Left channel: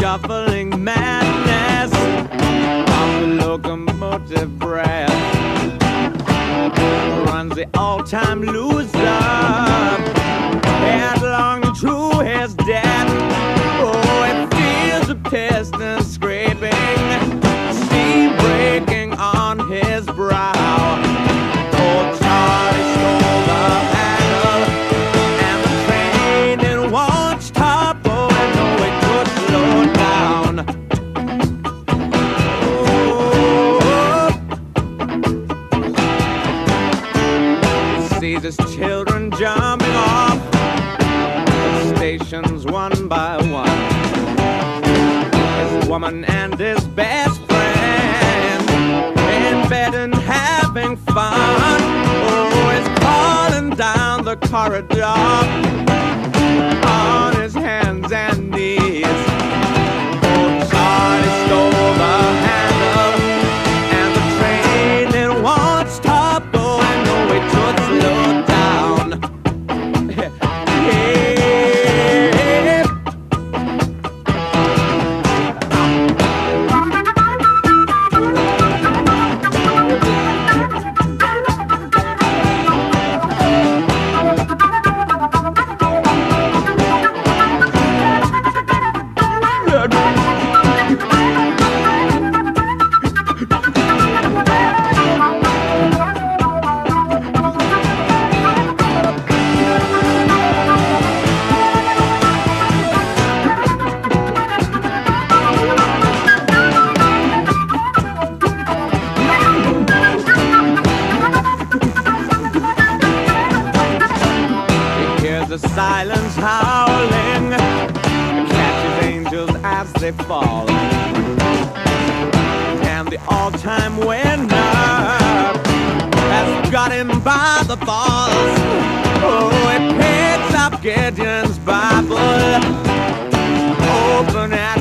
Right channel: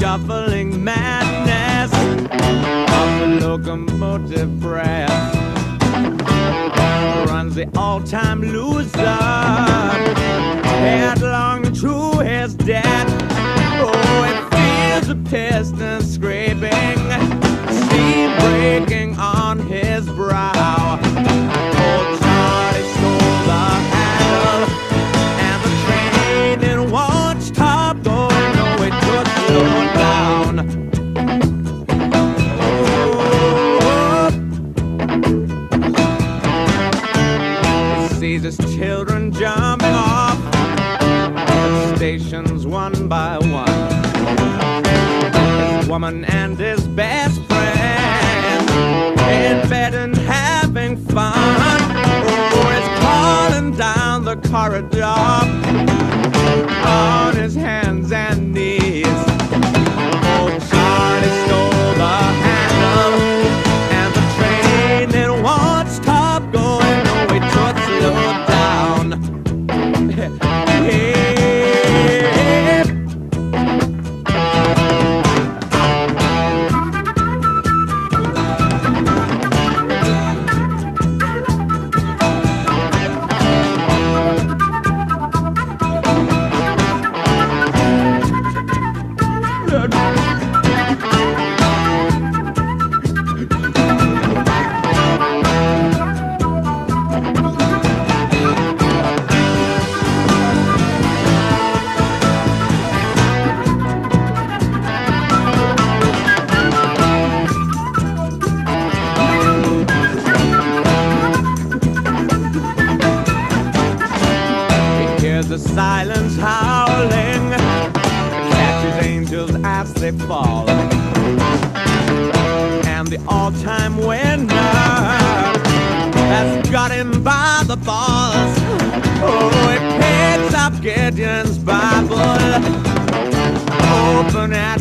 shuffling madness of the locomotive breath runs the all-time loser headlong to his death. Oh, it feels the piston scraping, steam breaking on his brow. Oh, Charlie stole the handle, and the train it won't stop going. No, it could slow down. Oh, he sees his children jumping off the stations one by one. His woman and his best friend in bed and having fun. Oh, he's crawling down the corridor on his hands and knees. Oh, Charlie stole the handle, and the train it won't stop going. No, it should slow down. Yeah. The silence howling catches angels as they fall, and the all-time winner has got him by the balls. Oh, he picks up Gideon's Bible, open at